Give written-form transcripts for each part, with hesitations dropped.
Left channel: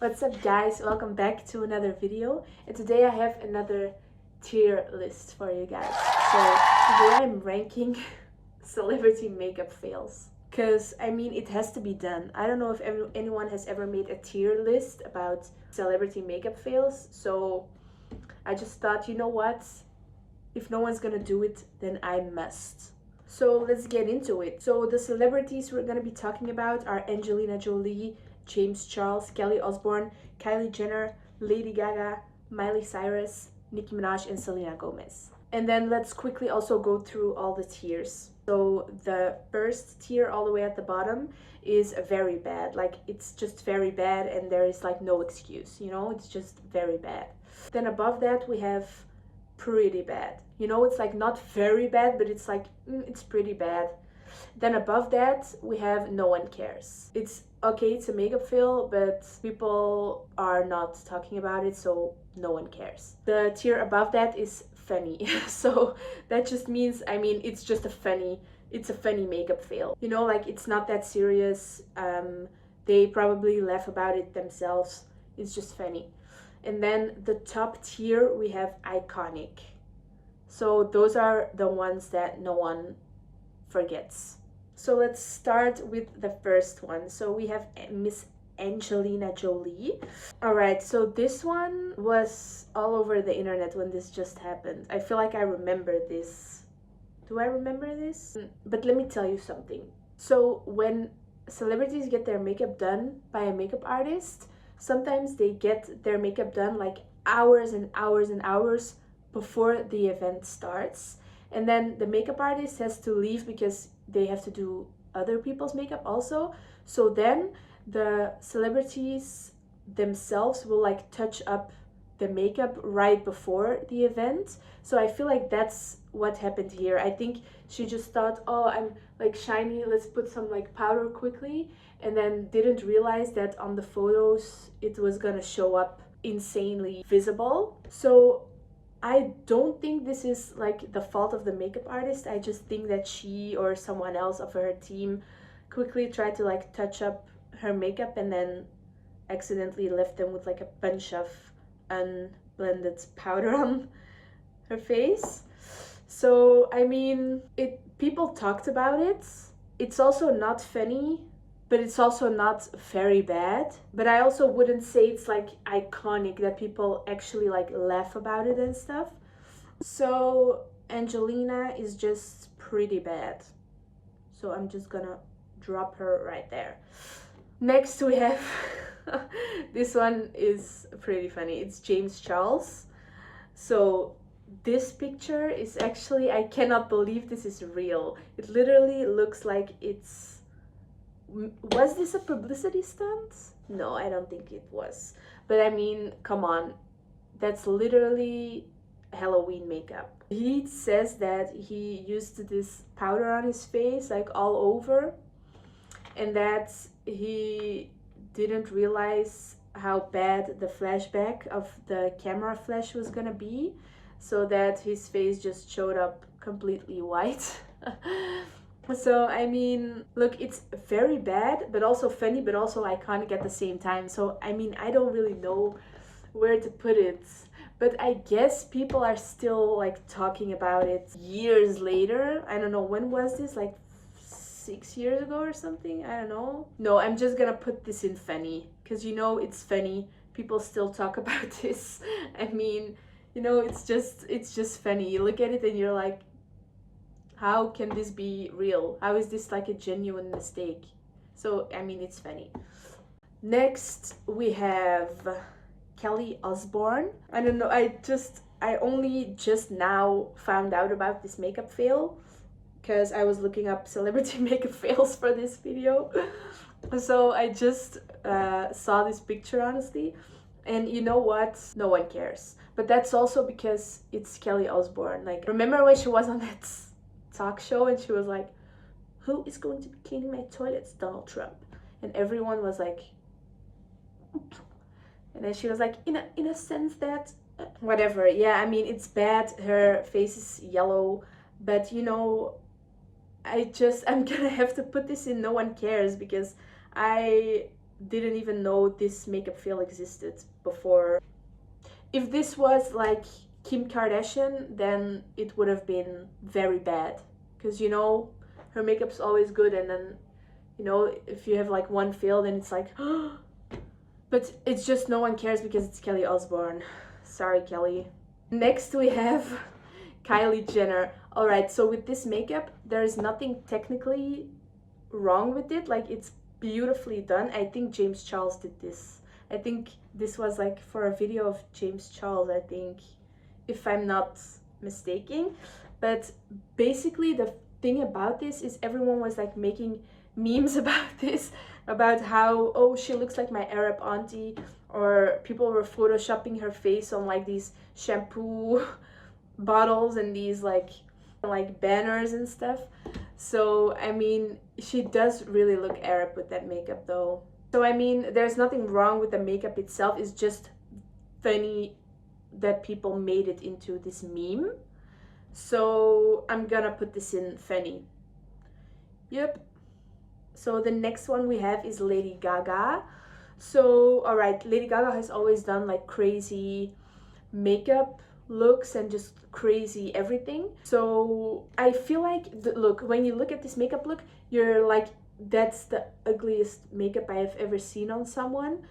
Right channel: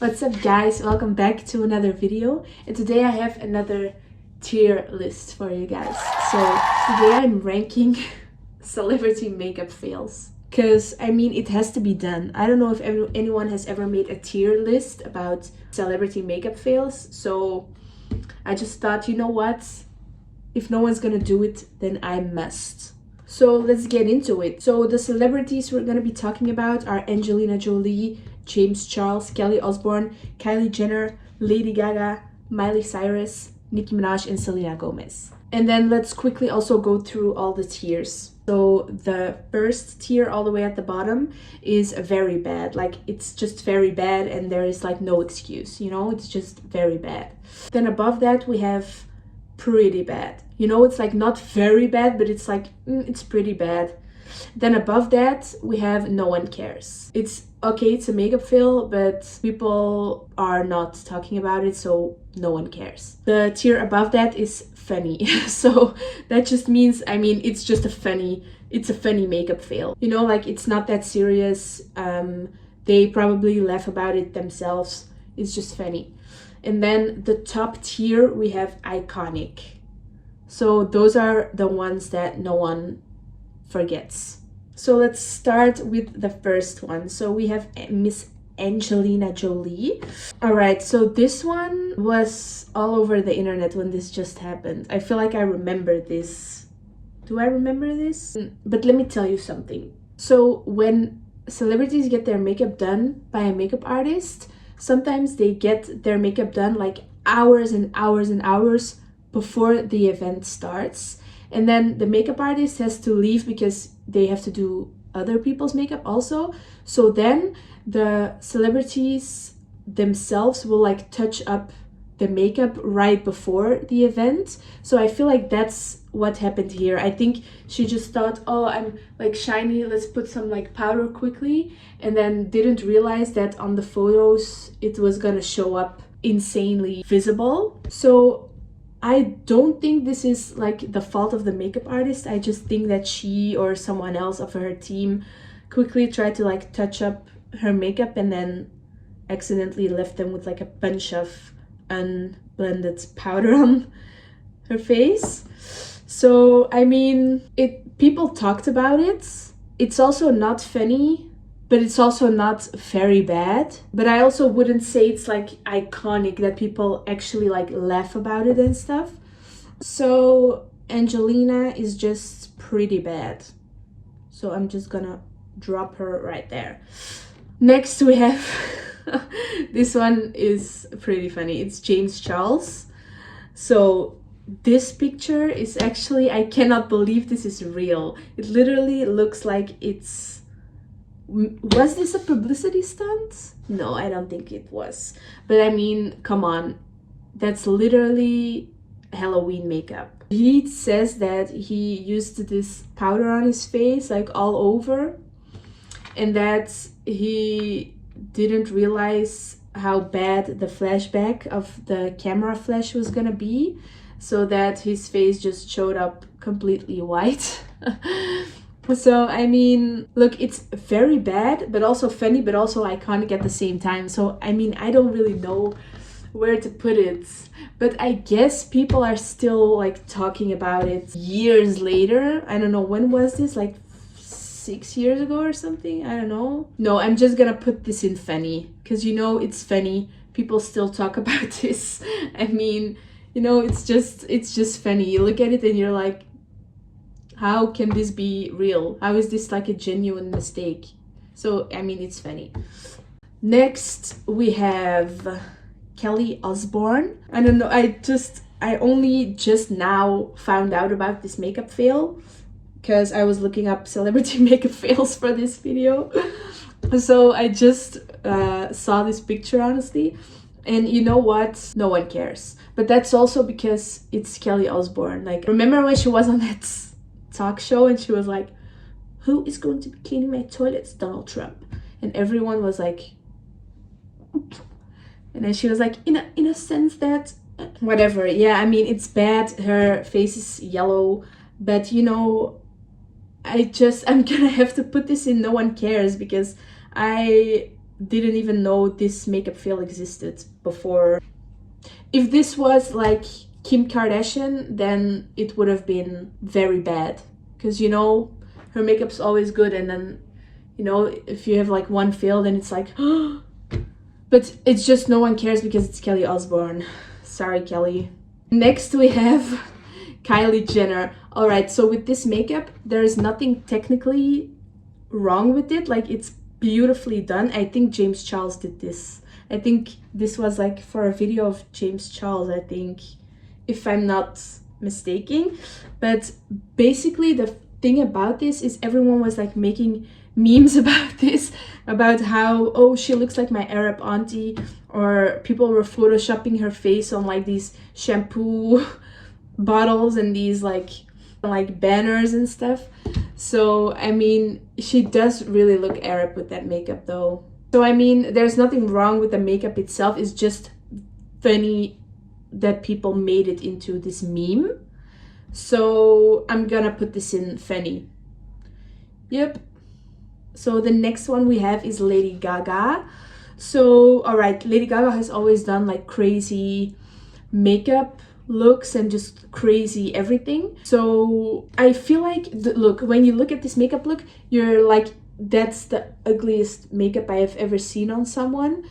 What's up guys, welcome back to another video, and today I have another tier list for you guys. So today I'm ranking celebrity makeup fails, because I mean it has to be done. I don't know if anyone has ever made a tier list about celebrity makeup fails, so I just thought, you know what, if no one's gonna do it, then I must. So let's get into it. So the celebrities we're gonna be talking about are Angelina Jolie, James Charles, Kelly Osbourne, Kylie Jenner, Lady Gaga, Miley Cyrus, Nicki Minaj, and Selena Gomez. And then let's quickly also go through all the tiers. So the first tier all the way at the bottom is very bad. Like, it's just very bad and there is like no excuse, you know, it's just very bad. Then above that we have pretty bad. You know, it's like not very bad, but it's like, it's pretty bad. Then above that, we have no one cares. It's okay, it's a makeup fail, but people are not talking about it, so no one cares. The tier above that is funny. So that just means, I mean, it's just it's a funny makeup fail. You know, like it's not that serious. They probably laugh about it themselves. It's just funny. And then the top tier, we have iconic. So those are the ones that no one forgets. So let's start with the first one. So we have Miss Angelina Jolie. All right, so this one was all over the internet when this just happened. I feel like I remember this. Do I remember this? But let me tell you something. So when celebrities get their makeup done by a makeup artist, sometimes they get their makeup done like hours and hours and hours before the event starts, and then the makeup artist has to leave because they have to do other people's makeup also. So then the celebrities themselves will like touch up the makeup right before the event. So I feel like that's what happened here. I think she just thought, oh, I'm like shiny, let's put some like powder quickly, and then didn't realize that on the photos it was gonna show up insanely visible. So I don't think this is like the fault of the makeup artist. I just think that she or someone else of her team quickly tried to like touch up her makeup and then accidentally left them with like a bunch of unblended powder on her face. So I mean, people talked about it. It's also not funny, but it's also not very bad. But I also wouldn't say it's like iconic that people actually like laugh about it and stuff. So Angelina is just pretty bad. So I'm just gonna drop her right there. Next we have this one is pretty funny. It's James Charles. So this picture is actually, I cannot believe this is real. It literally looks like it's, was this a publicity stunt? No, I don't think it was. But I mean, come on, that's literally Halloween makeup. He says that he used this powder on his face like all over, and that he didn't realize how bad the flashback of the camera flash was gonna be, so that his face just showed up completely white. So I mean, look, it's very bad but also funny but also iconic at the same time. So I mean, I don't really know where to put it, but I guess people are still like talking about it years later. I don't know, when was this, like 6 years ago or something? I don't know. No, I'm just gonna put this in funny, because you know it's funny. People still talk about this. I mean, you know, it's just funny. You look at it and you're like, how can this be real? How is this like a genuine mistake? So I mean, it's funny. Next we have Kelly Osbourne. I don't know, I only just now found out about this makeup fail because I was looking up celebrity makeup fails for this video. So I just saw this picture, honestly, and you know what, no one cares. But that's also because it's Kelly Osbourne. Like, remember when she was on that talk show and she was like, who is going to be cleaning my toilets? Donald Trump. And everyone was like, and then she was like, in a sense that whatever. Yeah, I mean, it's bad, her face is yellow, but you know, I'm gonna have to put this in no one cares, because I didn't even know this makeup fail existed before. If this was like Kim Kardashian, then it would have been very bad, because you know her makeup's always good, and then you know if you have like one fail, then it's like but it's just no one cares because it's Kelly Osbourne. Sorry, Kelly. Next we have Kylie Jenner. All right, so with this makeup there is nothing technically wrong with it, like it's beautifully done. I think James Charles did this. I think this was like for a video of James Charles, I think, if I'm not mistaken. But basically the thing about this is everyone was like making memes about this, about how, oh, she looks like my Arab auntie, or people were photoshopping her face on like these shampoo bottles and these like banners and stuff. So I mean, she does really look Arab with that makeup though. So I mean, there's nothing wrong with the makeup itself. It's just funny that people made it into this meme. So I'm gonna put this in funny. Yep. So the next one we have is Lady Gaga. So all right, Lady Gaga has always done like crazy makeup looks and just crazy everything. So I feel like look, when you look at this makeup look, you're like, that's the ugliest makeup I have ever seen on someone.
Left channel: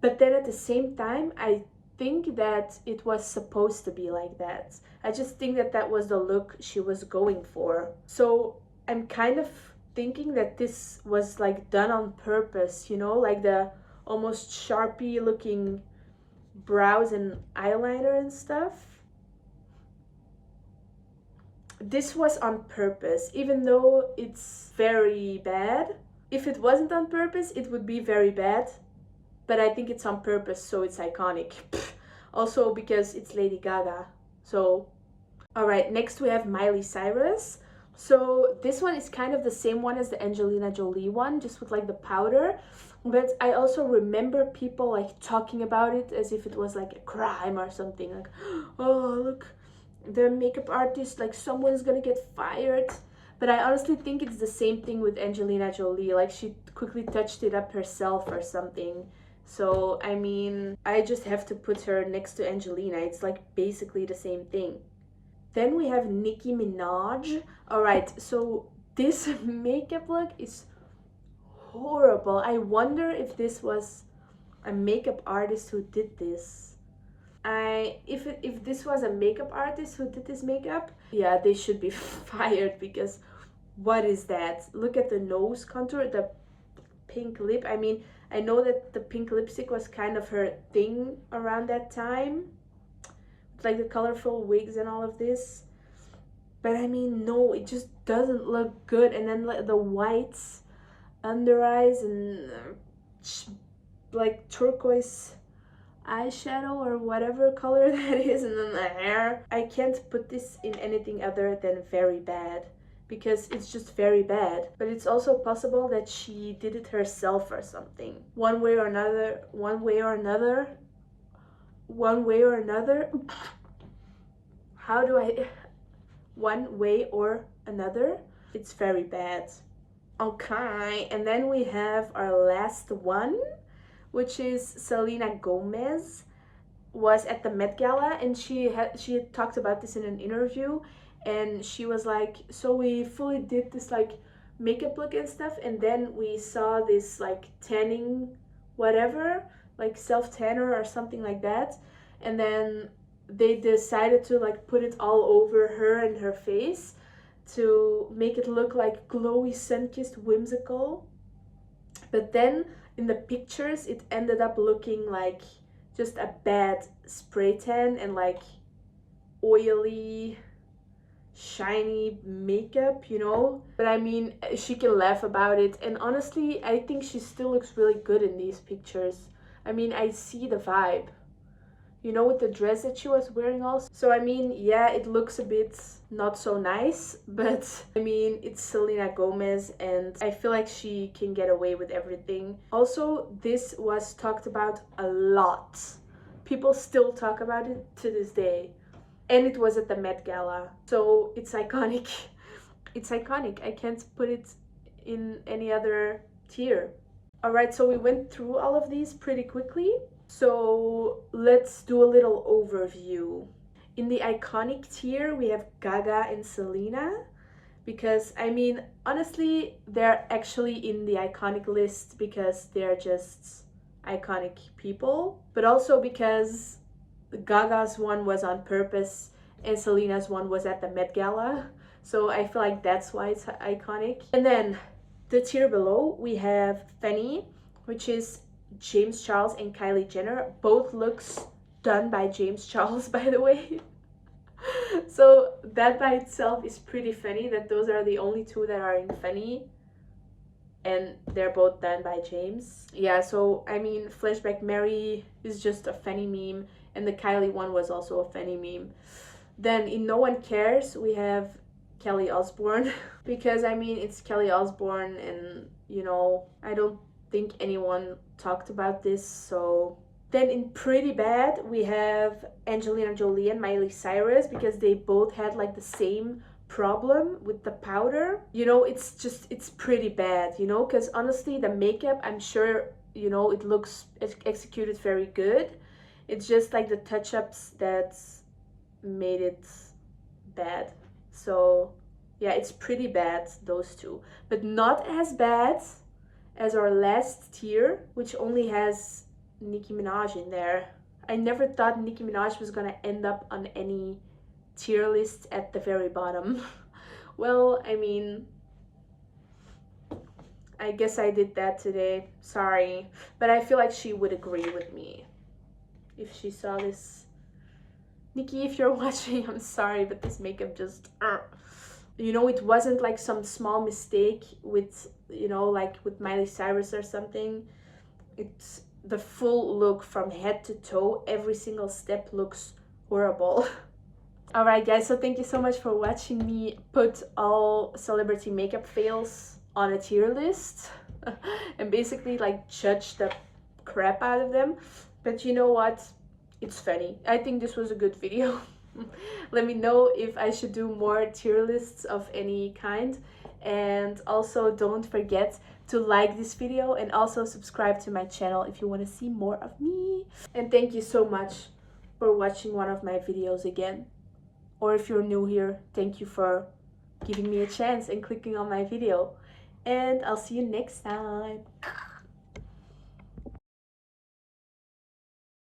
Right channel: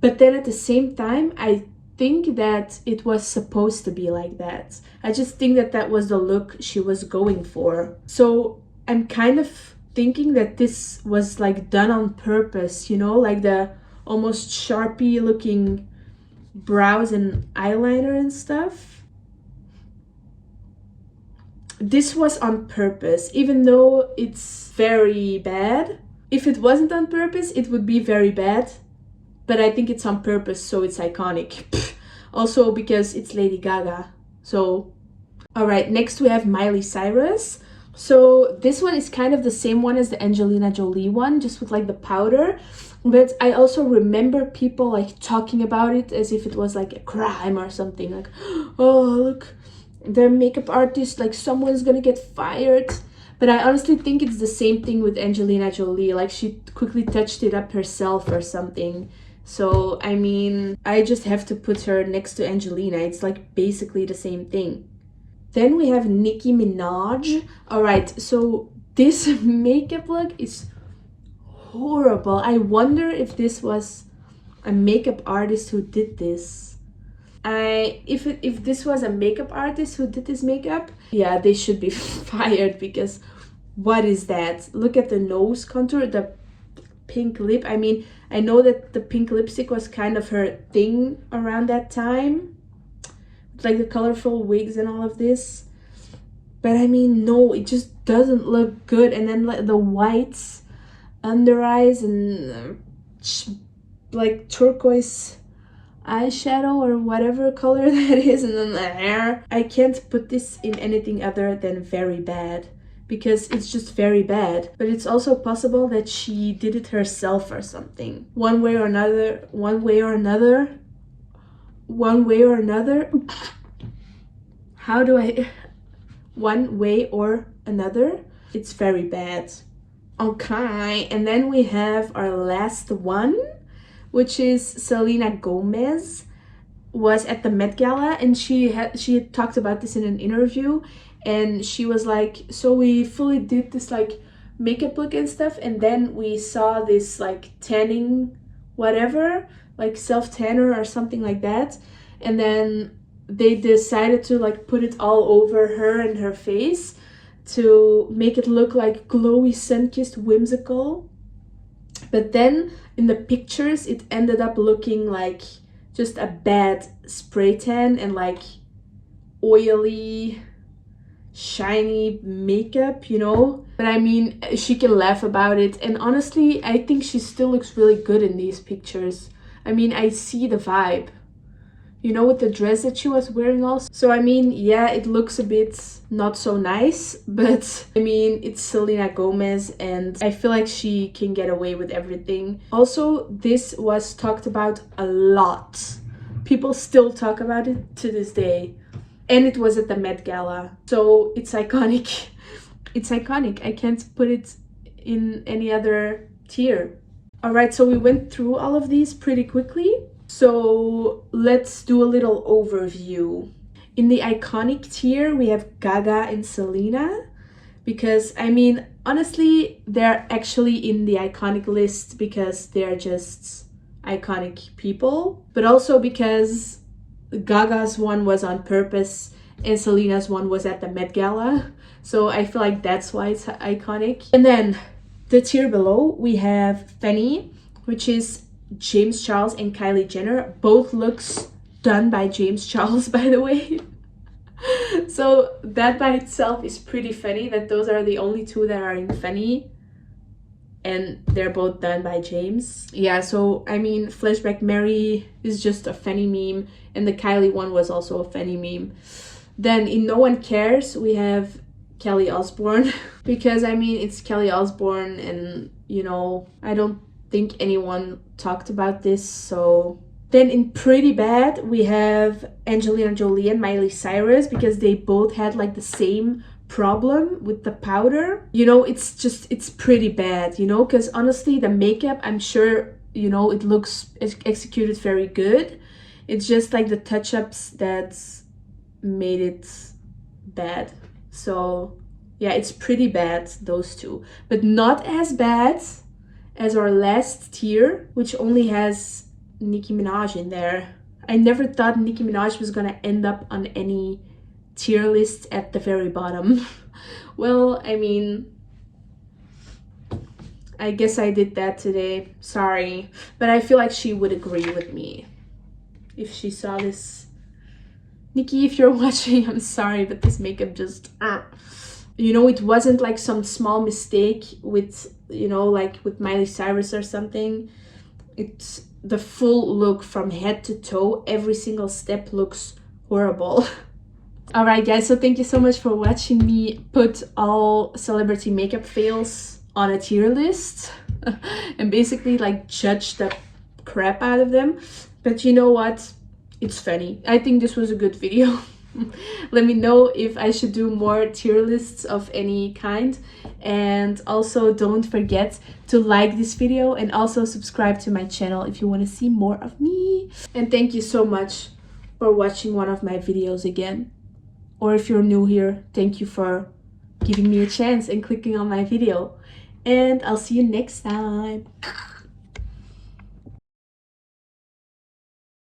But then at the same time, I think that it was supposed to be like that. I just think that that was the look she was going for. So I'm kind of thinking that this was like done on purpose, you know, like the almost Sharpie looking brows and eyeliner and stuff. This was on purpose, even though it's very bad. If it wasn't on purpose, it would be very bad, but I think it's on purpose, so it's iconic. Also because it's Lady Gaga. So all right, next we have Miley Cyrus. So this one is kind of the same one as the Angelina Jolie one, just with like the powder. But I also remember people like talking about it as if it was like a crime or something, like, oh look, the makeup artist, like someone's gonna get fired. But I honestly think it's the same thing with Angelina Jolie, like she quickly touched it up herself or something. So I mean, I just have to put her next to Angelina. It's like basically the same thing. Then we have Nicki Minaj. All right, so this makeup look is horrible. I wonder if this was a makeup artist who did this. If this was a makeup artist who did this makeup, yeah, they should be fired, because what is that? Look at the nose contour, the pink lip. I mean, I know that the pink lipstick was kind of her thing around that time, like the colorful wigs and all of this, but I mean, no, it just doesn't look good. And then like the whites under eyes and like turquoise eyeshadow or whatever color that is, and then the hair. I can't put this in anything other than very bad, because it's just very bad. But it's also possible that she did it herself or something, one way or another. How do I one way or another, it's very bad. Okay, and then we have our last one, which is Selena Gomez. Was at the Met Gala, and she had talked about this in an interview, and she was like, so we fully did this like makeup look and stuff, and then we saw this like tanning whatever, like self tanner or something like that, and then they decided to like put it all over her and her face to make it look like glowy, sun-kissed, whimsical. But then in the pictures it ended up looking like just a bad spray tan and like oily, shiny makeup, you know. But I mean, she can laugh about it, and honestly I think she still looks really good in these pictures. I mean, I see the vibe, you know, with the dress that she was wearing also. So I mean, yeah, it looks a bit not so nice, but I mean, it's Selena Gomez and I feel like she can get away with everything. Also, this was talked about a lot. People still talk about it to this day. And it was at the Met Gala, so it's iconic. It's iconic. I can't put it in any other tier. Alright, so we went through all of these pretty quickly. So let's do a little overview. In the iconic tier, we have Gaga and Selena. Because, I mean, honestly, they're actually in the iconic list because they're just iconic people. But also because Gaga's one was on purpose and Selena's one was at the Met Gala. So I feel like that's why it's iconic. And then the tier below, we have Fanny, which is James Charles and Kylie Jenner. Both looks done by James Charles, by the way. So that by itself is pretty funny that those are the only two that are in Fanny. And they're both done by James. Yeah, so I mean, Flashback Mary is just a Fanny meme. And the Kylie one was also a Fanny meme. Then in No One Cares, we have Kelly Osbourne. Because I mean, it's Kelly Osbourne and, you know, I don't think anyone talked about this, so... Then in Pretty Bad, we have Angelina Jolie and Miley Cyrus because they both had like the same problem with the powder. You know, it's pretty bad, you know, because honestly, the makeup, I'm sure, you know, it looks executed very good. It's just like the touch-ups that's made it bad. So yeah, it's pretty bad, those two. But not as bad as our last tier, which only has Nicki Minaj in there. I never thought Nicki Minaj was gonna end up on any tier list at the very bottom. Well, I mean, I guess I did that today. Sorry. But I feel like she would agree with me if she saw this. Nicki, if you're watching, I'm sorry, but this makeup just... You know, it wasn't like some small mistake with, you know, like with Miley Cyrus or something. It's the full look from head to toe. Every single step looks horrible. Alright guys, so thank you so much for watching me put all celebrity makeup fails on a tier list. And basically like judge the crap out of them. But you know what? It's funny. I think this was a good video. Let me know if I should do more tier lists of any kind. And also don't forget to like this video and also subscribe to my channel if you want to see more of me. And thank you so much for watching one of my videos again. Or if you're new here, thank you for giving me a chance and clicking on my video. And I'll see you next time.